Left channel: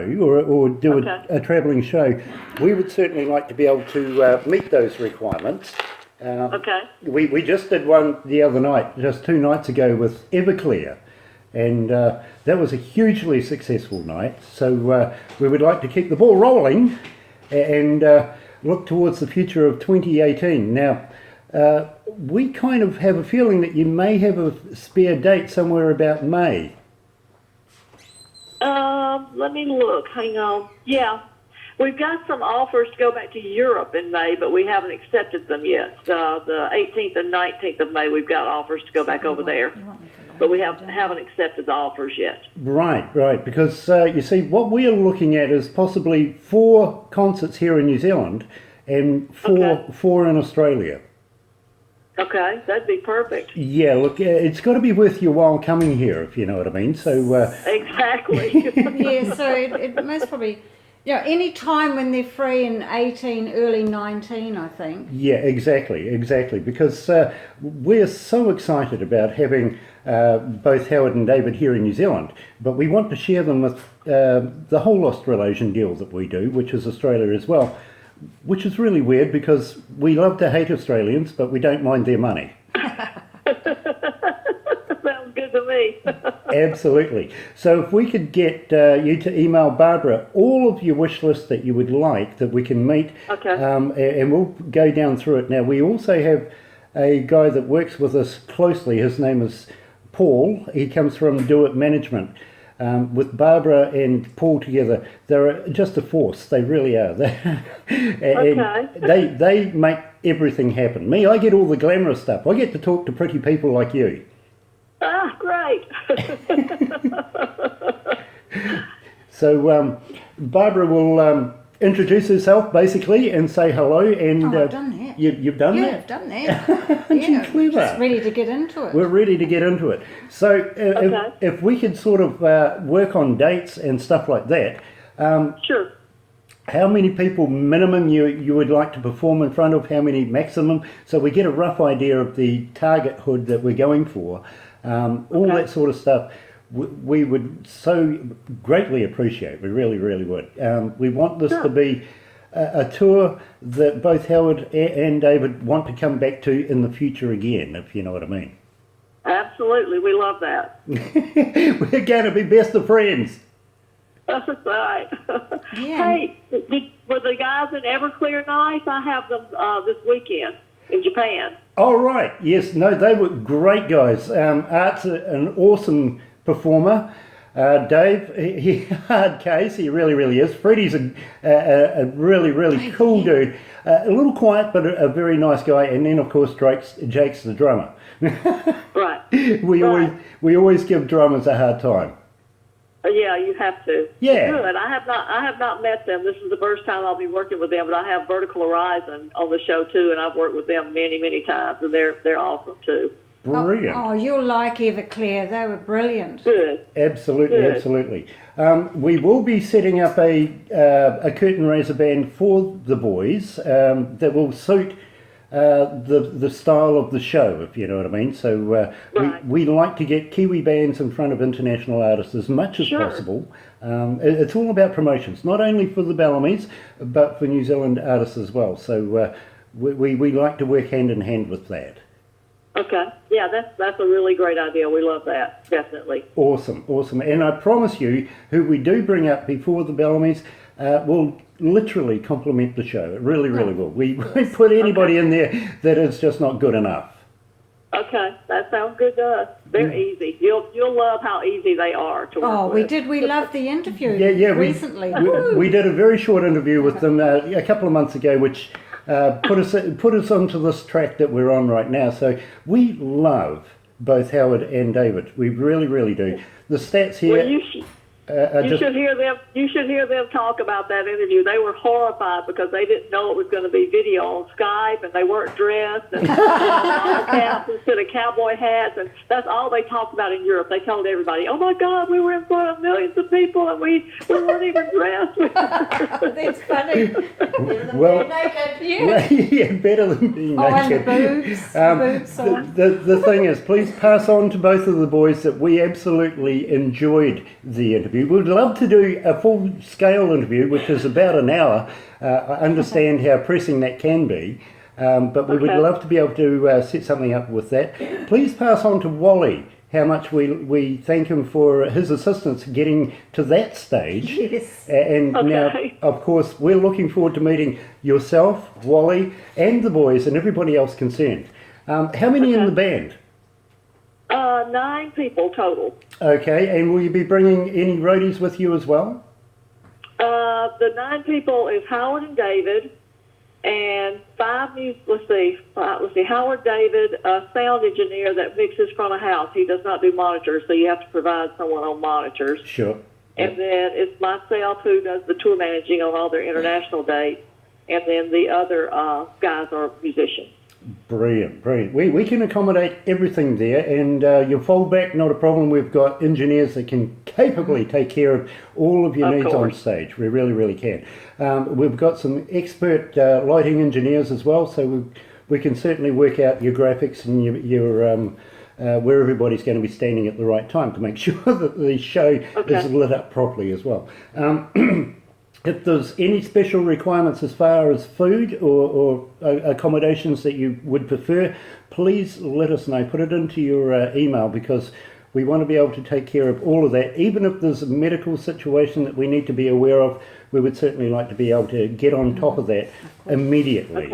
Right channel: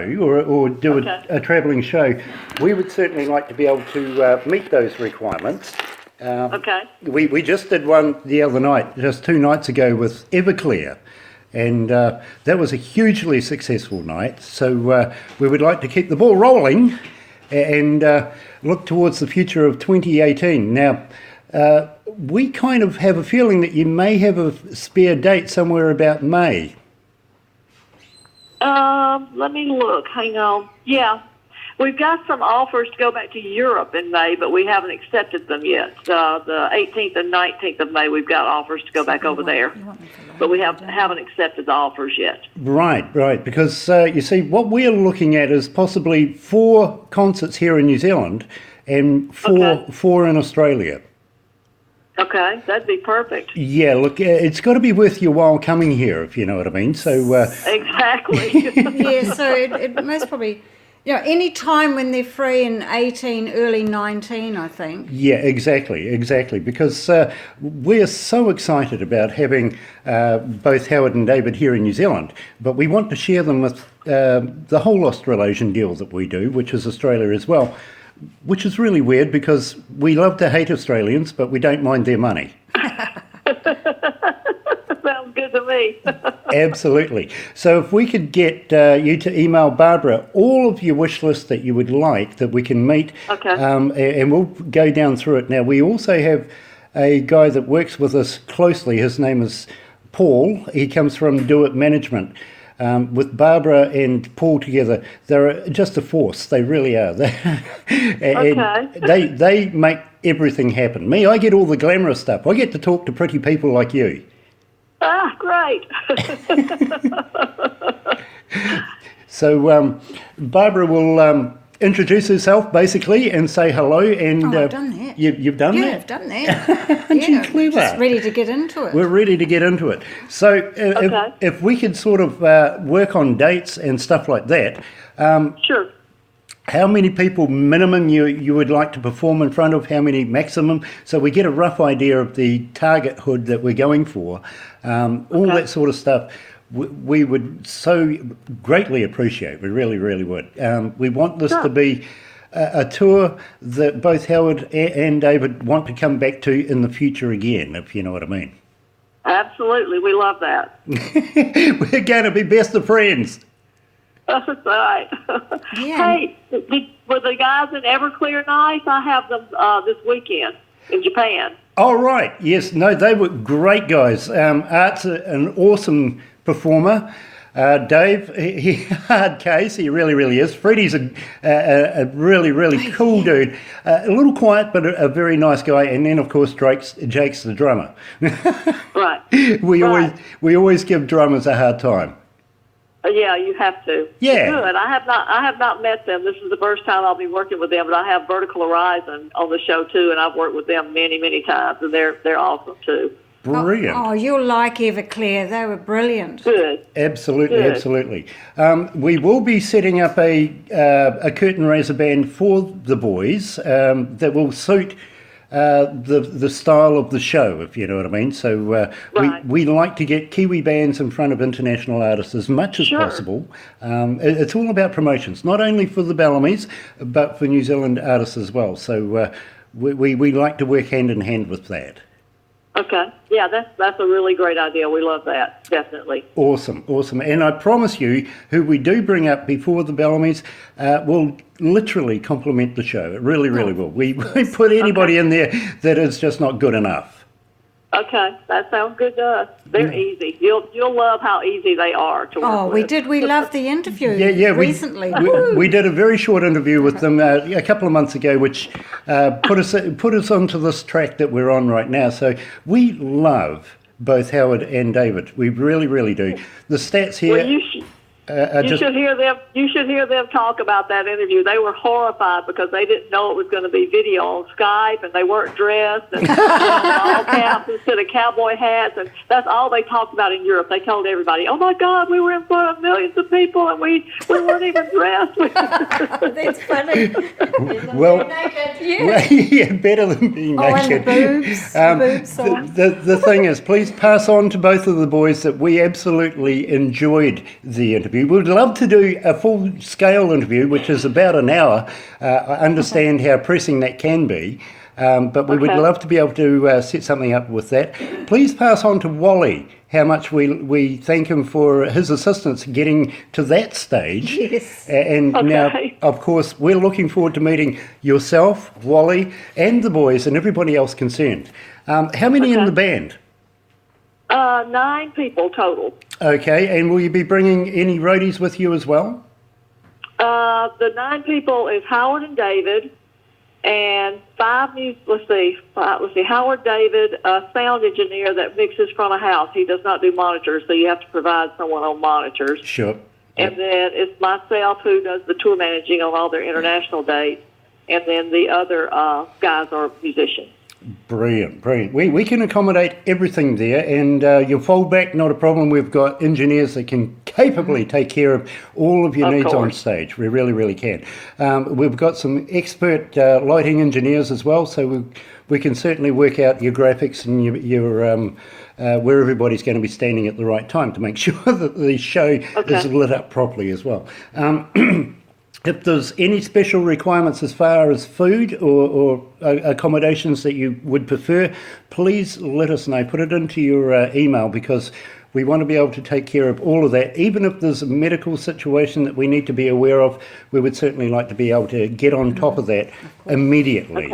or do a travelling show, we would certainly like to be able to meet those requirements. We just did one the other night, just 2 nights ago, with Everclear, and that was a hugely successful night. So we would like to keep the ball rolling and look towards the future of 2018. Now, we kind of have a feeling that you may have a spare date somewhere about May. Let me look. Hang on. Yeah, we've got some offers to go back to Europe in May, but we haven't accepted them yet. The 18th and 19th of May, we've got offers to go back over there, but we haven't accepted the offers yet. Right, because you see, what we're looking at is possibly 4 concerts here in New Zealand and four in Australia. Okay, that'd be perfect. Yeah, look, it's got to be worth your while coming here, if you know what I mean. So exactly. Yeah, so it most probably, any time when they're free in 18, early 19, I think. Yeah, exactly. Because we're so excited about having both Howard and David here in New Zealand, but we want to share them with the whole Australasian deal that we do, which is Australia as well. Which is really weird because we love to hate Australians, but we don't mind their money. Sounds good to me. Absolutely. So if we could get you to email Barbara all of your wish list that you would like that we can meet, and we'll go down through it. Now, we also have a guy that works with us closely. His name is Paul. He comes from Do It Management. With Barbara and Paul together, they're just a force. They really are. They make everything happen. Me, I get all the glamorous stuff. I get to talk to pretty people like you. Ah, great. So Barbara will introduce herself basically and say hello. And I've done that. You've done that? Yeah, I've done that. Aren't you clever? Just ready to get into it. We're ready to get into it. So if we could sort of work on dates and stuff like that. Sure. How many people minimum you would like to perform in front of? How many maximum? So we get a rough idea of the target hood that we're going for. All that sort of stuff. We would so greatly appreciate. We really would. We want this to be a tour that both Howard and David want to come back to in the future again, if you know what I mean. Absolutely. We love that. We're going to be best of friends. That's right. Yeah. Hey, were the guys in Everclear nice? I have them this weekend in Japan. Oh, right. Yes. No, they were great guys. Art's an awesome performer. Dave, he hard case. He really is. Freddie's a really cool dude. A little quiet, but a very nice guy. And then, of course, Jake's the drummer. Right. We always give drummers a hard time. Yeah, you have to. Yeah. Good. I have not met them. This is the first time I'll be working with them, but I have Vertical Horizon on the show too, and I've worked with them many times, and they're awesome too. Brilliant. Oh, you'll like Everclear. They were brilliant. Good. Absolutely. We will be setting up a curtain raiser band for the boys that will suit the style of the show, if you know what I mean. So we like to get Kiwi bands in front of international artists as much as possible. It's all about promotions, not only for the Bellamy's, but for New Zealand artists as well. So we like to work hand in hand with that. Okay. Yeah, that's a really great idea. We love that. Definitely. Awesome. And I promise you, who we do bring up before the Bellamy's will literally complement the show. It really will. We won't put anybody in there that is just not good enough. Okay, that sounds good to us. They're easy. You'll love how easy they are to work with. We did. We loved the interview recently. We did a very short interview with them a couple of months ago, which put us onto this track that we're on right now. So we love both Howard and David. We really do. The stats here. Well, you should hear them. You should hear them talk about that interview. They were horrified because they didn't know it was going to be video on Skype, and they weren't dressed, and all caps instead of cowboy hats, and that's all they talked about in Europe. They told everybody, "Oh my God, we were in front of millions of people, and we weren't even dressed." That's funny. Well, yeah, better than being naked. The thing is, please pass on to both of the boys that we absolutely enjoyed the interview. interview. We'd love to do a full-scale interview, which is about an hour. I understand how pressing that can be, but we would love to be able to set something up with that. Please pass on to Wally how much we thank him for his assistance getting to that stage. Yes. And now, of course, we're looking forward to meeting yourself, Wally, and the boys and everybody else concerned. How many in the band? 9 people total. Okay, and will you be bringing any roadies with you as well? The 9 people is Howard and David, and 5 Howard, David, a sound engineer that mixes from a house. He does not do monitors, so you have to provide someone on monitors. Sure. And then it's myself who does the tour managing on all their international dates, and then the other guys are musicians. Brilliant. We can accommodate everything there, and your fallback, not a problem. We've got engineers that can capably take care of all of your needs on stage. We really can. We've got some expert lighting engineers as well, so we can certainly work out your graphics and your where everybody's going to be standing at the right time to make sure that the show is lit up properly as well. If there's any special requirements as far as food or accommodations that you would prefer, please let us know. Put it into your email, because we want to be able to take care of all of that. Even if there's a medical situation that we need to be aware of, we would certainly like to be able to get on top of that immediately.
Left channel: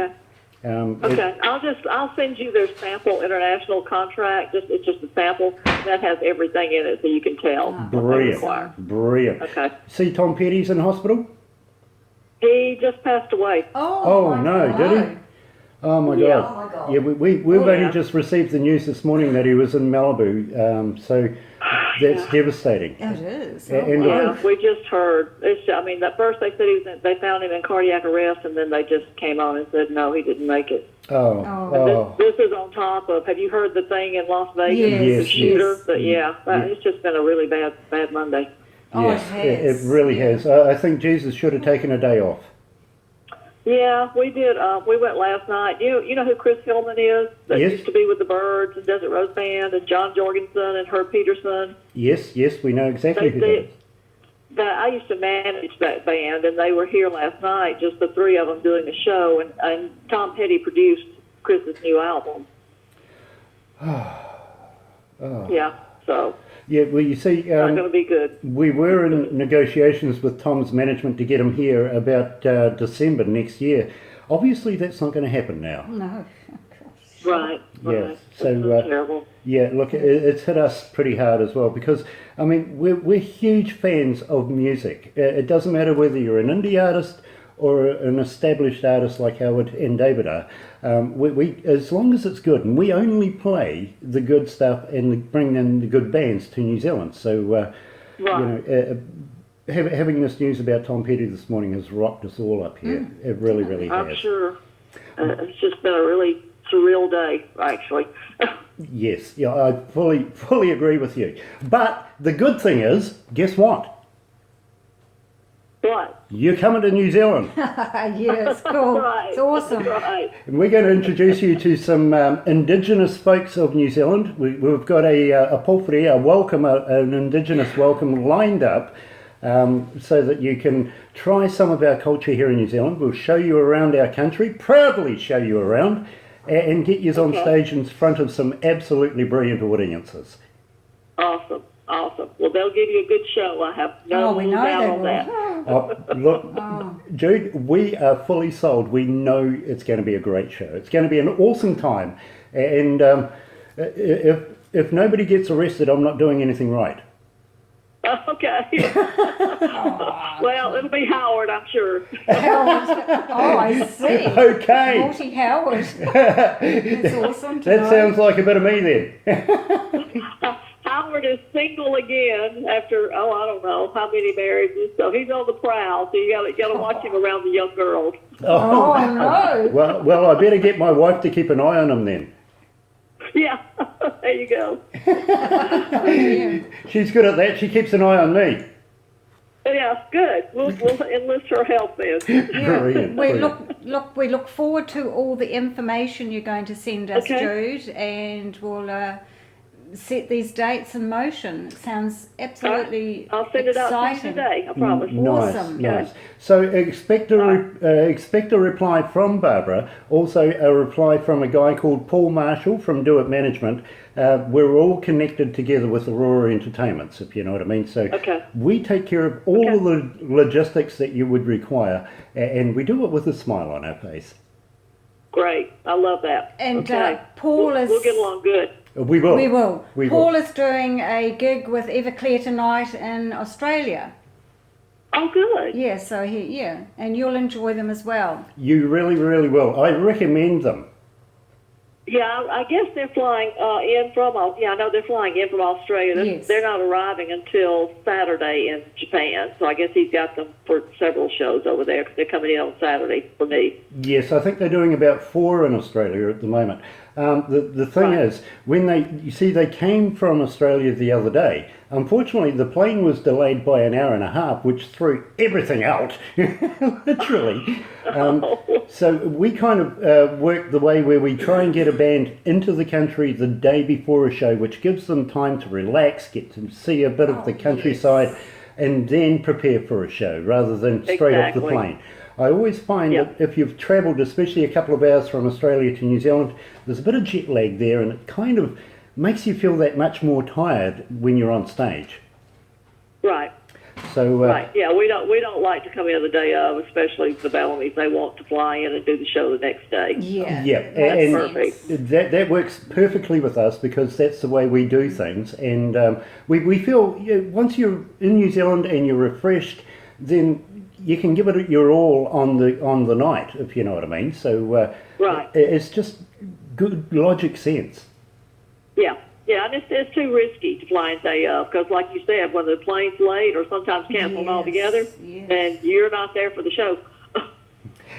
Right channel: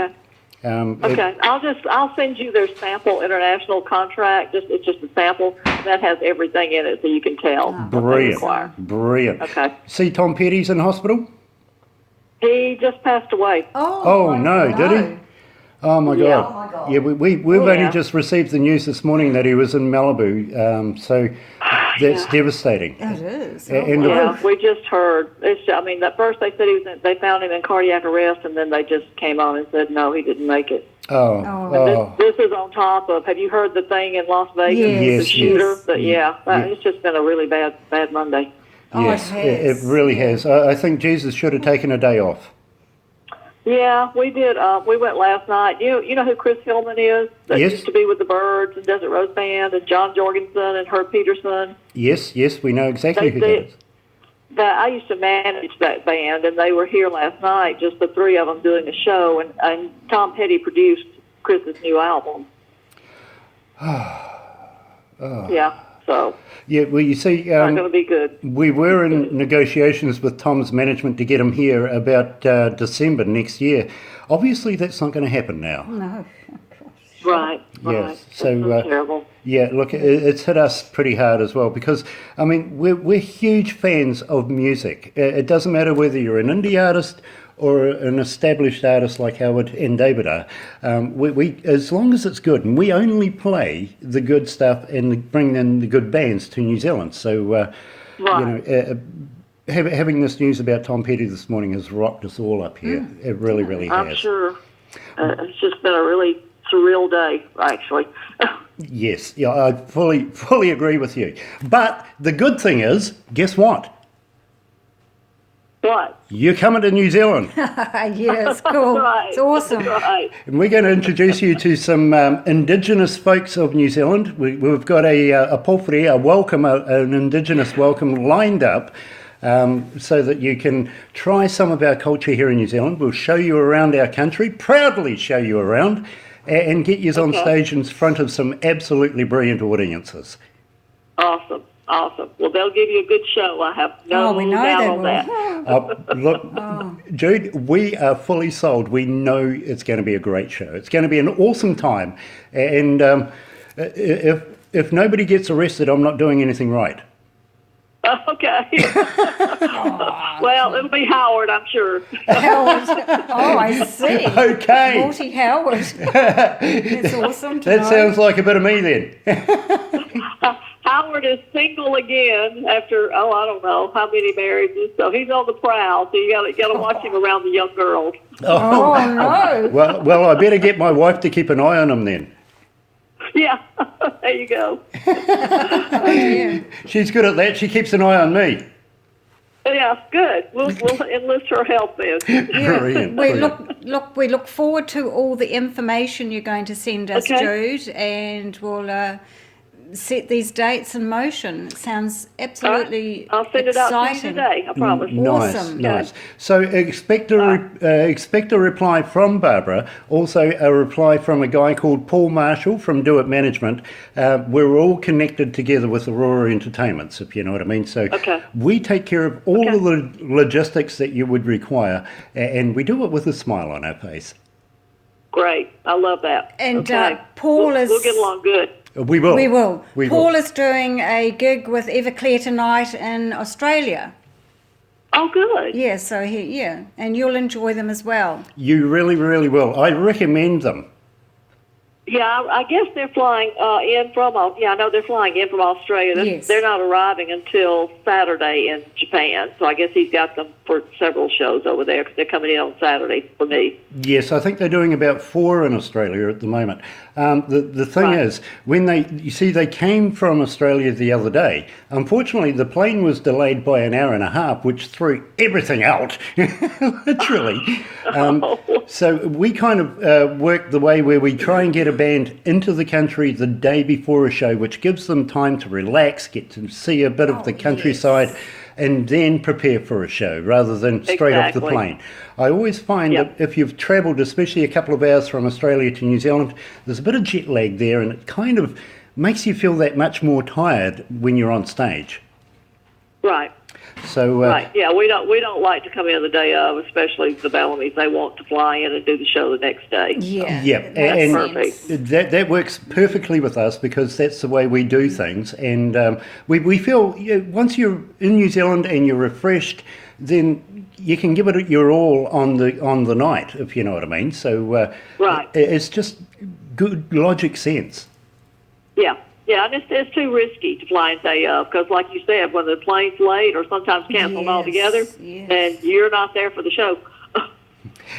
I'll send you their sample international contract. It's just a sample that has everything in it, so you can tell. Brilliant. Okay. See Tom Petty's in hospital? He just passed away. Oh no, did he? Oh my God. Yeah, we've only just received the news this morning that he was in Malibu, so that's devastating. It is. We just heard. At first they said they found him in cardiac arrest, and then they just came on and said no, he didn't make it. This is on top of. Have you heard the thing in Las Vegas? Yes, the shooter. It's just been a really bad Monday. Yes, it really has. I think Jesus should have taken a day off. Yeah, we did. We went last night. You know who Chris Hillman is? That used to be with the Byrds and Desert Rose Band, and John Jorgensen and Herb Peterson. Yes, we know exactly who that is. I used to manage that band, and they were here last night, just the 3 of them doing a show, and Tom Petty produced Chris's new album. Yeah, so... Yeah, well, you see, it's not going to be good. We were in negotiations with Tom's management to get him here about December next year. Obviously, that's not going to happen now. No. Right. Yes. So terrible. Yeah, look, it's hit us pretty hard as well, because we're huge fans of music. It doesn't matter whether you're an indie artist or an established artist like Howard and David are. We as long as it's good, and we only play the good stuff and bring in the good bands to New Zealand. So, having this news about Tom Petty this morning has rocked us all up here. It really has. I'm sure. It's just been a really surreal day, actually. Yes, I fully agree with you. But the good thing is, guess what? What? You're coming to New Zealand. Yes, cool. It's awesome. Right. And we're going to introduce you to some Indigenous folks of New Zealand. We've got a pōwhiri, an Indigenous welcome lined up, so that you can try some of our culture here in New Zealand. We'll show you around our country, proudly show you around, and get you on stage in front of some absolutely brilliant audiences. Awesome. Well, they'll give you a good show. I have no doubt on that. Look, Jude, we are fully sold. We know it's going to be a great show. It's going to be an awesome time. And if nobody gets arrested, I'm not doing anything right. Okay. Well, it'll be Howard, I'm sure. Howard. Oh, I see. Okay. Naughty Howard. That's awesome. That sounds like a bit of me then. Howard is single again after, I don't know how many marriages. So he's on the prowl. So you got to watch him around the young girls. Oh no. Well, I better get my wife to keep an eye on him then. Yeah, there you go. She's good at that. She keeps an eye on me. Yeah, good. We'll enlist her help then. Brilliant. We look forward to all the information you're going to send us, Jude, and we'll set these dates in motion. It sounds absolutely I'll send it out to you exciting. today, I promise. Nice, Awesome. nice. So expect a reply from Barbara, also a reply from a guy called Paul Marshall from Do It Management. We're all connected together with Aurora Entertainments, if you know what I mean. So we take care of all of the logistics that you would require, and we do it with a smile on our face. Great. I love that. And Paul we'll get along good. We will. We will. We Paul will. is doing a gig with Everclear tonight in Australia. Oh, good. Yeah, so and you'll enjoy them as well. You really, really will. I recommend them. Yeah, I guess they're flying in from. I know they're flying in from Australia. Yes. They're not arriving until Saturday in Japan, so I guess he's got them for several shows over there because they're coming in on Saturday for me. Yes, I think they're doing about 4 in Australia at the moment. The thing is, when they came from Australia the other day. Unfortunately, the plane was delayed by an hour and a half, which threw everything out, literally. So we kind of work the way where we try and get a band into the country the day before a show, which gives them time to relax, get to see a bit of the countryside, and then prepare for a show rather than straight off the plane. I always find that if you've travelled, especially a couple of hours from Australia to New Zealand, there's a bit of jet lag there, and it kind of makes you feel that much more tired when you're on stage. Right. So yeah, we don't like to come in the day of, especially the Bellamy's. They want to fly in and do the show the next day. And perfect. That works perfectly with us because that's the way we do things, and we feel once you're in New Zealand and you're refreshed, then you can give it your all on the night, if you know what I mean. So it's just good logic sense. Yeah, and it's too risky to fly in day of because, like you said, when the plane's late or sometimes canceled altogether, then you're not there for the show.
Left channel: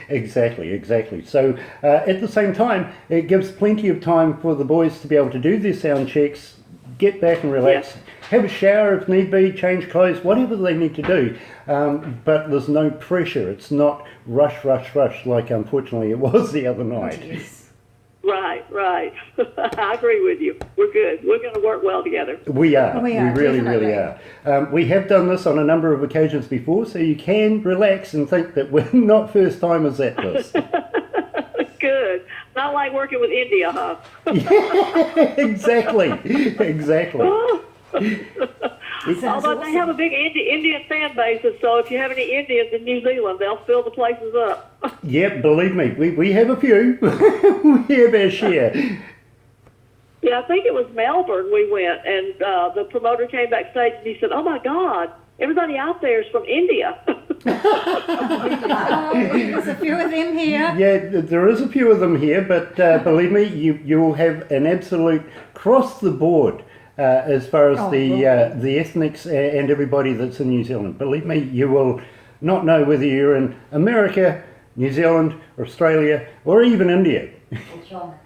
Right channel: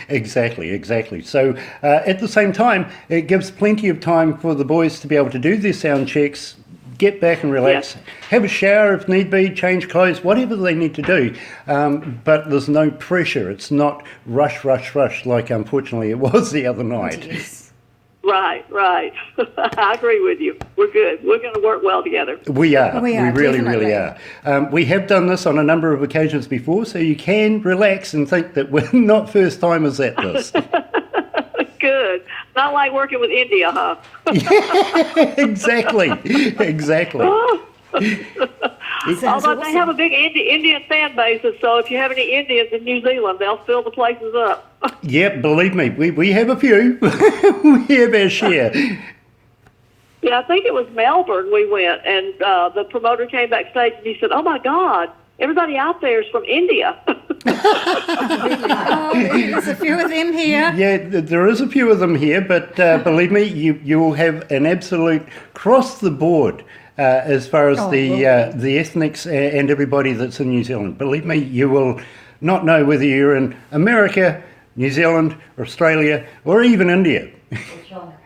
Exactly. So at the same time, it gives plenty of time for the boys to be able to do their sound checks, get back and relax, have a shower if need be, change clothes, whatever they need to do. But there's no pressure. It's not rush like unfortunately it was the other night. Yes. Right. I agree with you. We're good. We're going to work well together. We are. We really, definitely. really are. We have done this on a number of occasions before, so you can relax and think that we're not first timers at this. Good. Not like working with India, huh? Yeah, exactly. Although they have a big Indian fan base, so if you have any Indians in New Zealand, they'll fill the places up. Yeah, believe me, we have a few. We have our share. Yeah, I think it was Melbourne we went, and the promoter came backstage and he said, "Oh my God, everybody out there is from India." There's a few of them here. Yeah, there is a few of them here, but believe me, you will have an absolute cross the board as far as the ethnics and everybody that's in New Zealand. Believe me, you will not know whether you're in America, New Zealand, Australia, or even India.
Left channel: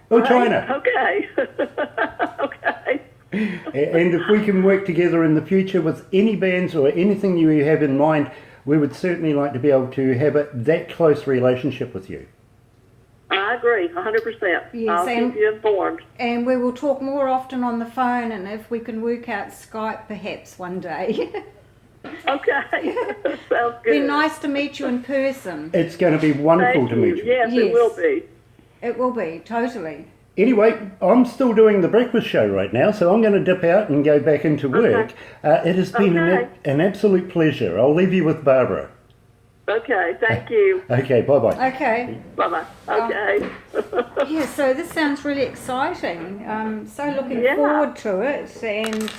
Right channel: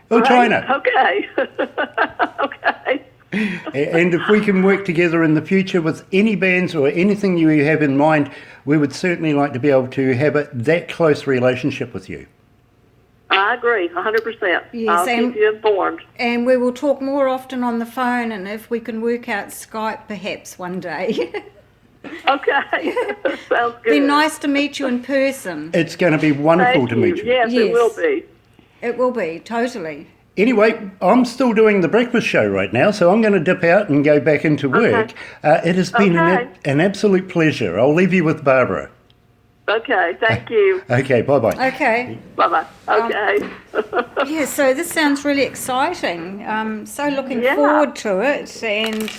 Or China. Okay. Okay. And if we can work together in the future with any bands or anything you have in mind, we would certainly like to be able to have that close relationship with you. I agree, 100%. Yes, I'll keep you informed. And we will talk more often on the phone, and if we can work out Skype perhaps one day. Okay, sounds good. Be nice to meet you in person. It's going to be wonderful to meet you. Yes, it will be. It will be, totally. Anyway, I'm still doing the breakfast show right now, so I'm going to dip out and go back into work. It has been an absolute pleasure. I'll leave you with Barbara. Okay, thank you. Okay, bye-bye. Okay. Bye-bye. Okay. Yeah, so this sounds really exciting. So looking forward to it and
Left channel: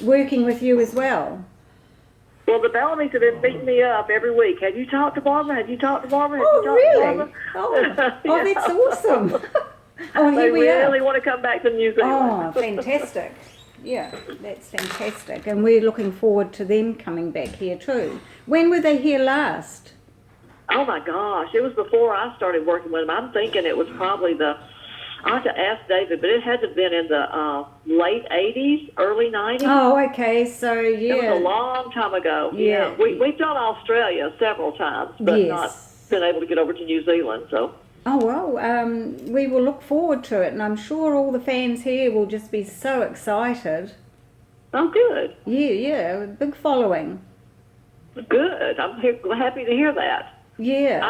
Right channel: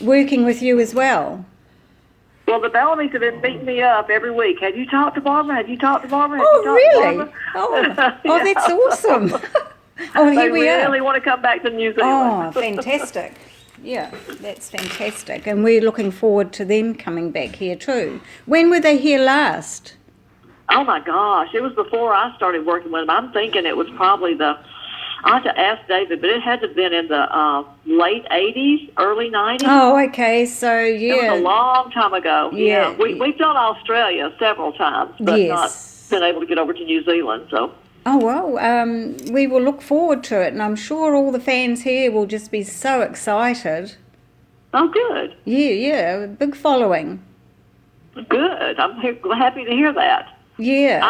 working with you as well. Well, the Bellamy's have been beating me up every week. Have you talked to Barbara? Have you talked to Barbara? Have you talked to Barbara? Oh, that's awesome. Oh, here they we are. really want to come back to New Zealand. Oh, fantastic. Yeah, that's fantastic. And we're looking forward to them coming back here too. When were they here last? Oh, my gosh. It was before I started working with them. I'm thinking it was probably I have to ask David, but it had to have been in the late 80s, early 90s. Oh, okay. So, yeah. It was a long time ago. Yeah. We've done Australia several times, but not been able to get over to New Zealand. So. Oh, well, we will look forward to it, and I'm sure all the fans here will just be so excited. Oh, good. Yeah, big following. Good. I'm happy to hear that. Yeah.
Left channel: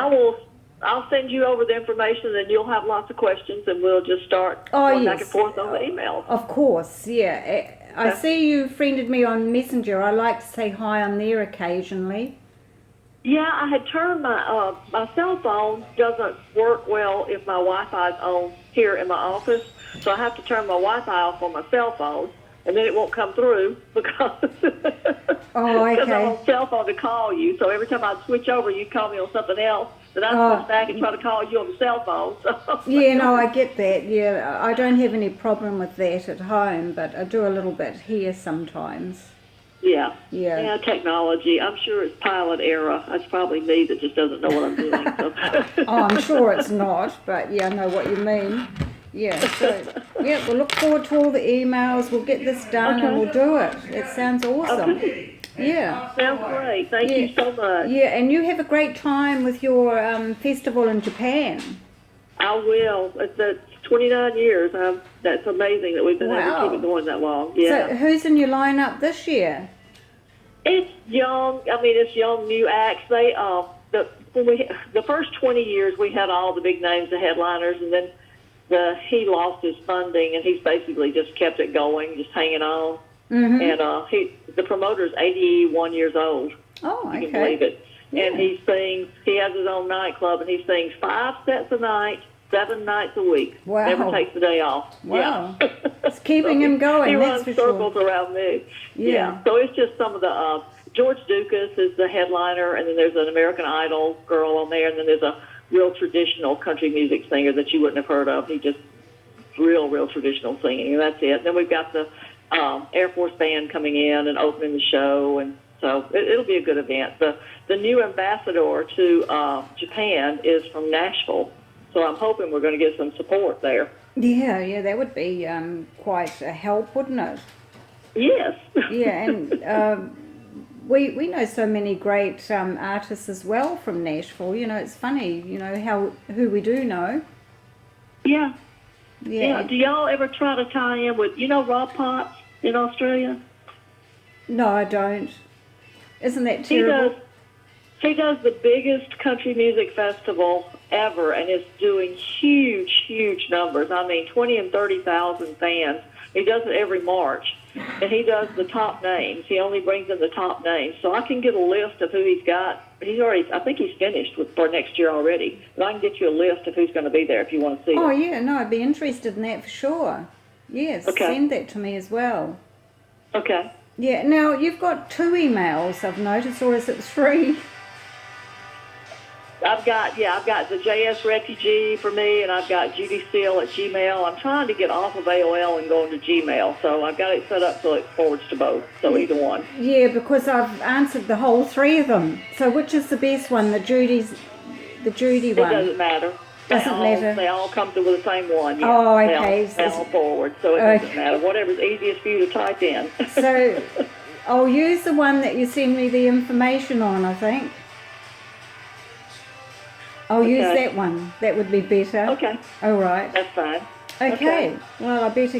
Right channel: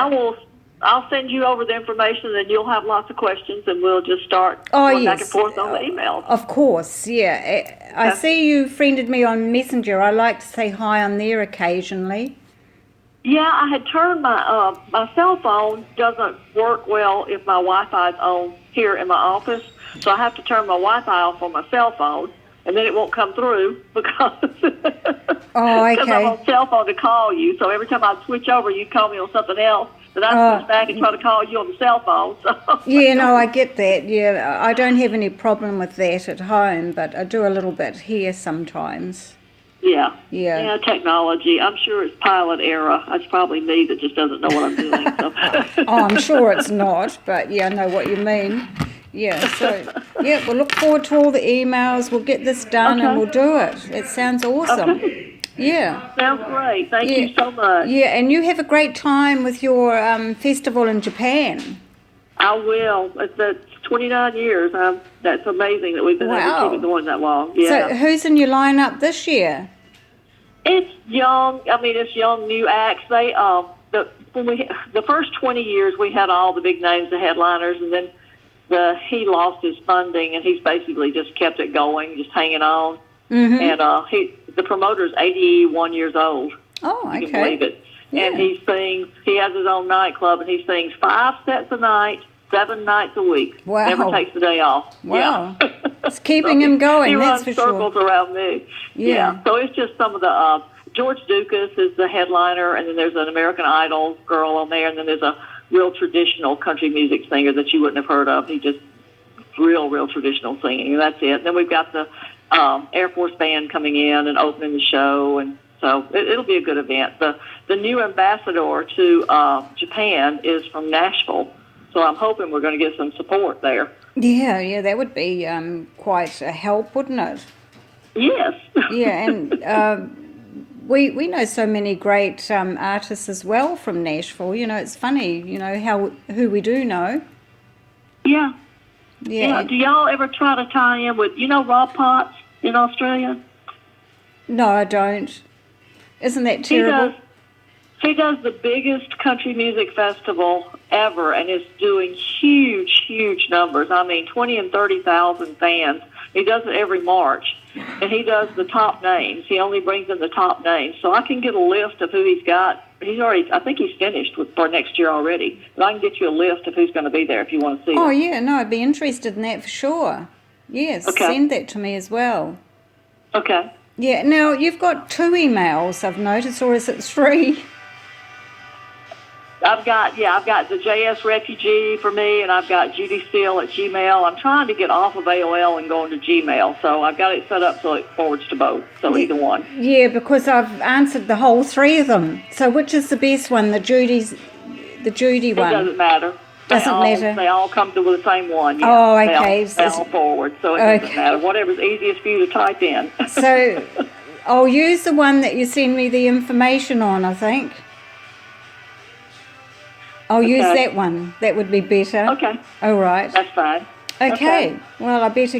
I'll send you over the information, and you'll have lots of questions, and we'll just start going back and forth on the emails. Of course, yeah. I see you friended me on Messenger. I like to say hi on there occasionally. Yeah, I had turned my cell phone doesn't work well if my Wi-Fi's on here in my office, so I have to turn my Wi-Fi off on my cell phone, and then it won't come through because I'm on cell phone to call you. So every time I switch over, you call me on something else, then I switch back and try to call you on the cell phone. So. Yeah, no, I get that. Yeah, I don't have any problem with that at home, but I do a little bit here sometimes. Yeah, technology. I'm sure it's pilot era. It's probably me that just doesn't know what I'm doing. So. I'm sure it's not, but yeah, I know what you mean. Yeah, so yeah, we'll look forward to all the emails. We'll get this done and we'll do it. It sounds awesome. Okay. Yeah. Sounds great. Thank you so much. Yeah, and you have a great time with your festival in Japan. I will. It's 29 years. That's amazing that we've been able to keep it going that long. Yeah. So who's in your lineup this year? It's young. I mean, it's young new acts. They the first 20 years we had all the big names, the headliners, and then he lost his funding and he's basically just kept it going, just hanging on. Mm-hmm. And the promoter's 81 years old. Oh, okay. You can believe it. Yeah. And he sings. He has his own nightclub, and he sings 5 sets a night, 7 nights a week. Wow. Never takes a day off. Wow. Yeah. It's keeping him going. He that's runs for circles sure. around me. Yeah. So it's just some of the. George Dukas is the headliner, and then there's an American Idol girl on there, and then there's a real traditional country music singer that you wouldn't have heard of. He just real traditional singing, and that's it. And then we've got the Air Force Band coming in and opening the show, and so it'll be a good event. The new ambassador to Japan is from Nashville, so I'm hoping we're going to get some support there. Yeah, that would be quite a help, wouldn't it? Yes. Yeah, and we know so many great artists as well from Nashville. You know, it's funny, you know, who we do know. Yeah. Do y'all ever try to tie in with, Rob Potts in Australia? No, I don't. Isn't that terrible? He does the biggest country music festival ever, and is doing huge numbers. I mean, 20 and 30,000 fans. He does it every March, and he does the top names. He only brings in the top names. So I can get a list of who he's got. I think he's finished for next year already. But I can get you a list of who's going to be there if you want to see them. Yeah, no, I'd be interested in that for sure. Yes, send that to me as well. Okay. Yeah, now you've got 2 emails, I've noticed, or is it 3? I've got the JS Refugee for me, and I've got Judy Steele at Gmail. I'm trying to get off of AOL and go into Gmail, so I've got it set up so it forwards to both, so either one. Yeah, because I've answered the whole 3 of them. So which is the best one, the Judy one? It doesn't matter. They all come through the same one, yeah. Oh, okay. They all forward, so it doesn't matter. Whatever's easiest for you to type in. So I'll use the one that you send me the information on, I think. I'll use that one. That would be better. Okay. All right. That's fine. Okay. Well, I better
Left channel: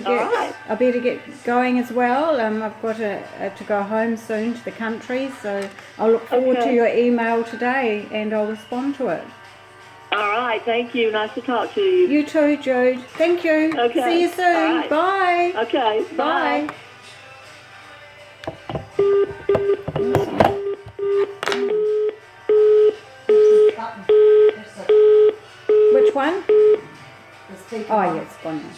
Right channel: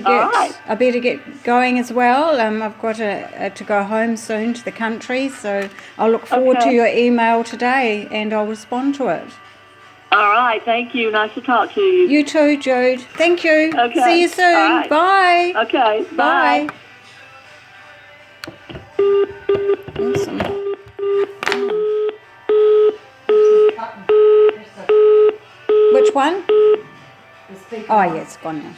get going as well. I've got to go home soon to the country, so I'll look forward to your email today, and I'll respond to it. All right. Thank you. Nice to talk to you. You too, Jude. Thank you. Okay. See you soon. All right. Bye. Okay. Bye. Awesome. Which one? Oh, yeah, it's gone now.